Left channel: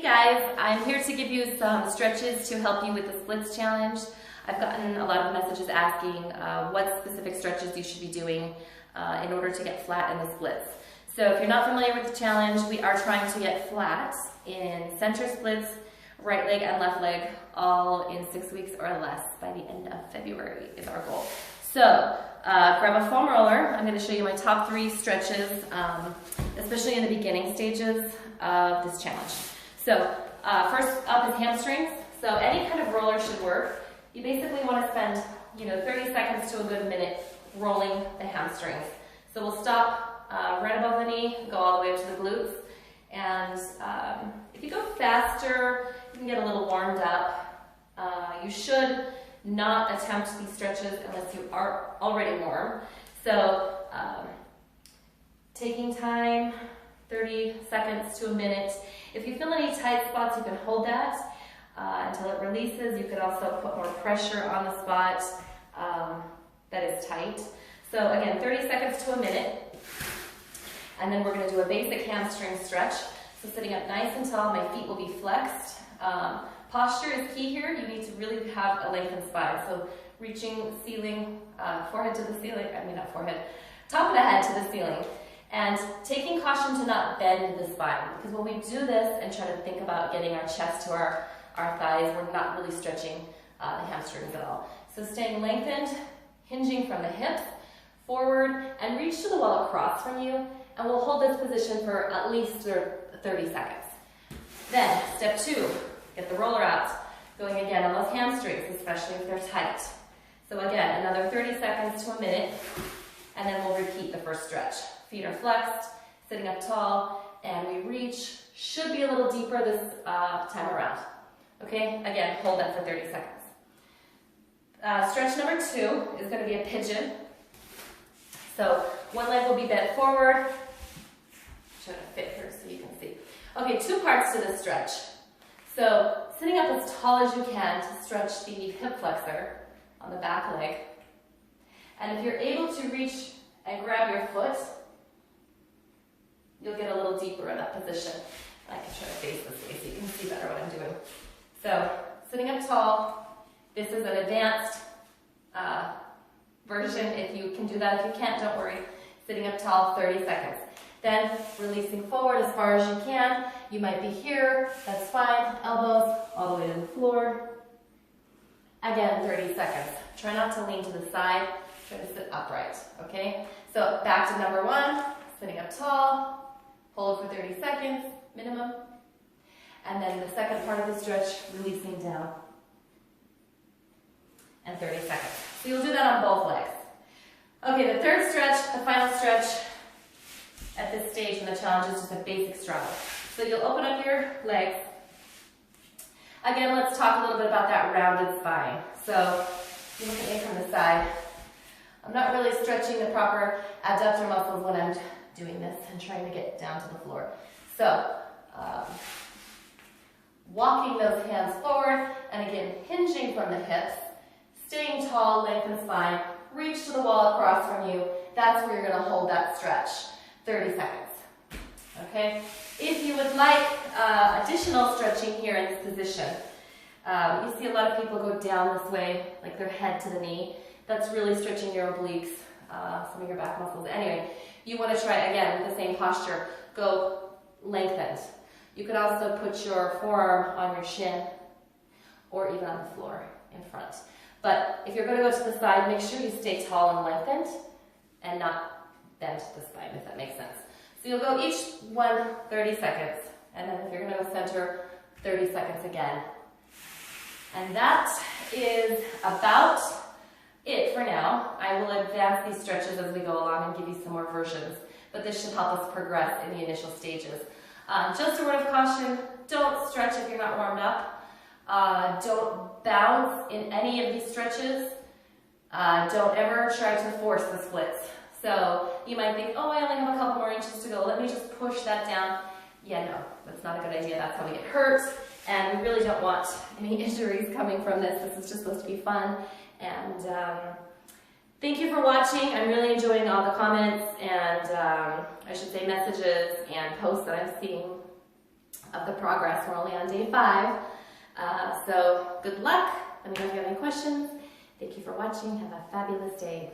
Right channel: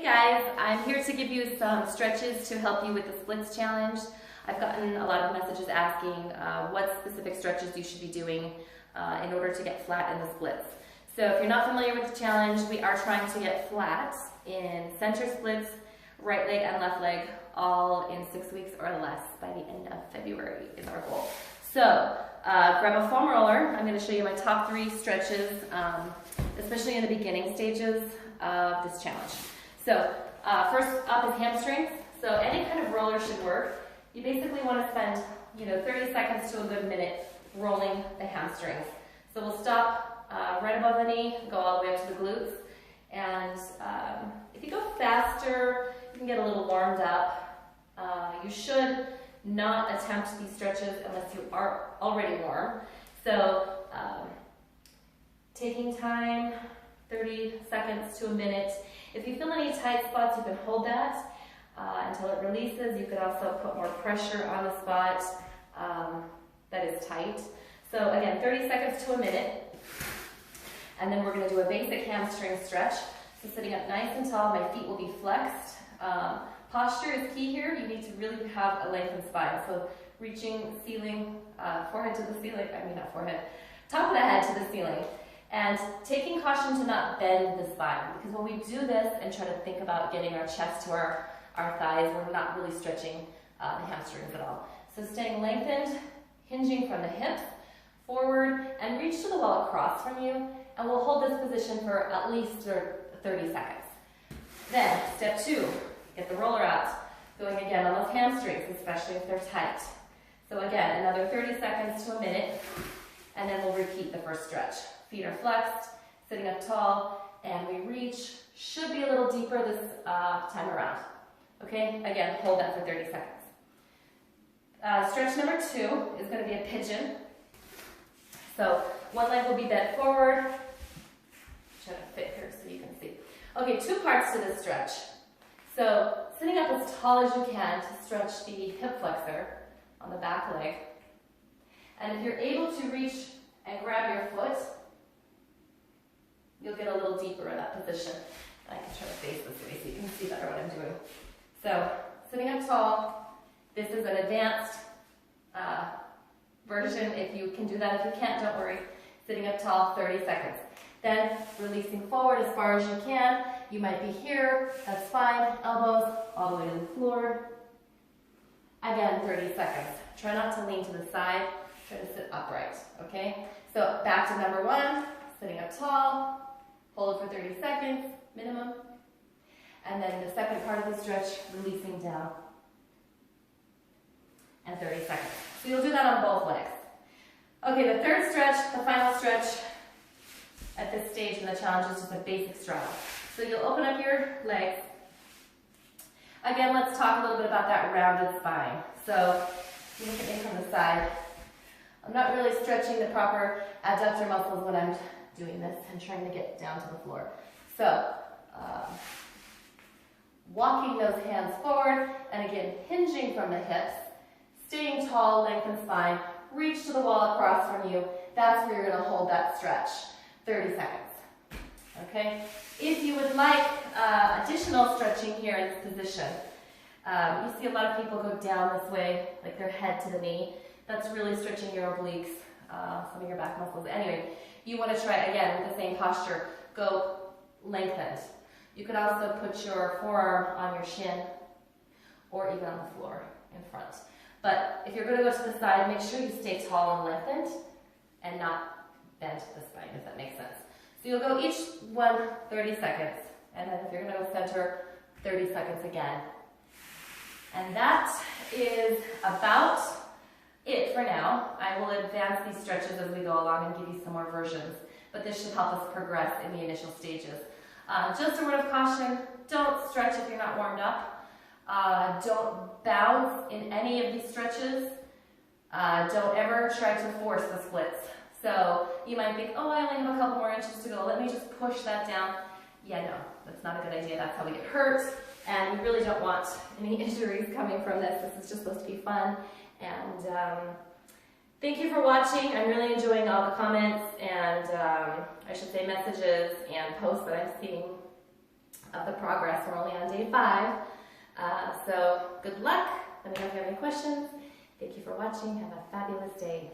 Hey guys, I'm here to give you some stretches to help you with the splits challenge. I've gotten a lot of messages asking what specific stretches you should be doing in order to get flat in the splits. So if you're not familiar with the challenge, we are trying to get flat in center splits, right leg and left leg, all in 6 weeks or less by the end of February is our goal. So grab a foam roller. I'm going to show you my top 3 stretches, especially in the beginning stages of this challenge. So first up is hamstrings. So any kind of roller should work. You basically want to spend 30 seconds to a good minute rolling the hamstrings. So we'll stop right above the knee, go all the way up to the glutes. And if you go faster, you can get a little warmed up. You should not attempt these stretches unless you are already warm. So taking time, 30 seconds to a minute. If you feel any tight spots, you can hold that until it releases. You could also put more pressure on the spot that is tight. So again, 30 seconds to a minute. And then we're going to do a basic hamstring stretch. So sitting up nice and tall, my feet will be flexed. Posture is key here. You need to really have a lengthened spine. So reaching ceiling, forehead to the ceiling, not forehead, top of the head to the ceiling. And taking caution to not bend the spine, because when we do this and try to think about getting our chest to our thighs, we're not really stretching the hamstrings at all. So staying lengthened, hinging from the hips, forward, and reach to the wall across from you, and we'll hold this position for at least 30 seconds. Then, step 2, get the roller out, going again on those hamstrings, especially if they're tight. So again, another 30 seconds to a minute, and then we'll repeat the first stretch. Feet are flexed, sitting up tall, and we reach. Should be a little deeper this time around. Okay, again, hold that for 30 seconds. Stretch number 2 is going to be a pigeon. So one leg will be bent forward. Try to fit here so you can see. Okay, 2 parts to this stretch. So sitting up as tall as you can to stretch the hip flexor on the back leg. And if you're able to reach and grab your foot, you'll get a little deeper in that position. I can try to face this way so you can see better what I'm doing. So, sitting up tall, this is an advanced version. If you can do that, if you can't, don't worry. Sitting up tall, 30 seconds. Then, releasing forward as far as you can. You might be here, that's fine. Elbows all the way to the floor. Again, 30 seconds. Try not to lean to the side. Try to sit upright, okay? So, back to number 1, sitting up tall. Hold for 30 seconds, minimum. And then the second part of the stretch, releasing down. And 30 seconds. So you'll do that on both legs. Okay, the third stretch, the final stretch at this stage in the challenge is just a basic straddle. So you'll open up your legs. Again, let's talk a little bit about that rounded spine. So you look at me from the side. I'm not really stretching the proper adductor muscles when I'm doing this and trying to get down to the floor. So, walking those hands forward, and again, hinging from the hips, staying tall, lengthen spine, reach to the wall across from you. That's where you're going to hold that stretch, 30 seconds. Okay? If you would like additional stretching here in this position, you see a lot of people go down this way, like their head to the knee. That's really stretching your obliques, some of your back muscles. Anyway, you want to try, again, with the same posture, go lengthened. You could also put your forearm on your shin or even on the floor in front. But if you're going to go to the side, make sure you stay tall and lengthened and not bend the spine, if that makes sense. So you'll go each one 30 seconds, and then if you're going to go center, 30 seconds again. And that is about it for now. I will advance these stretches as we go along and give you some more versions, but this should help us progress in the initial stages. Just a word of caution, don't stretch if you're not warmed up. Don't bounce in any of these stretches. Don't ever try to force the splits. So you might think, oh, I only have a couple more inches to go. Let me just push that down. Yeah, no, that's not a good idea. That's how we get hurt, and we really don't want any injuries coming from this. This is just supposed to be fun. And thank you for watching. I'm really enjoying all the comments and I should say messages and posts that I'm seeing of the progress. We're only on day 5. So good luck. Let me know if you have any questions. Thank you for watching. Have a fabulous day.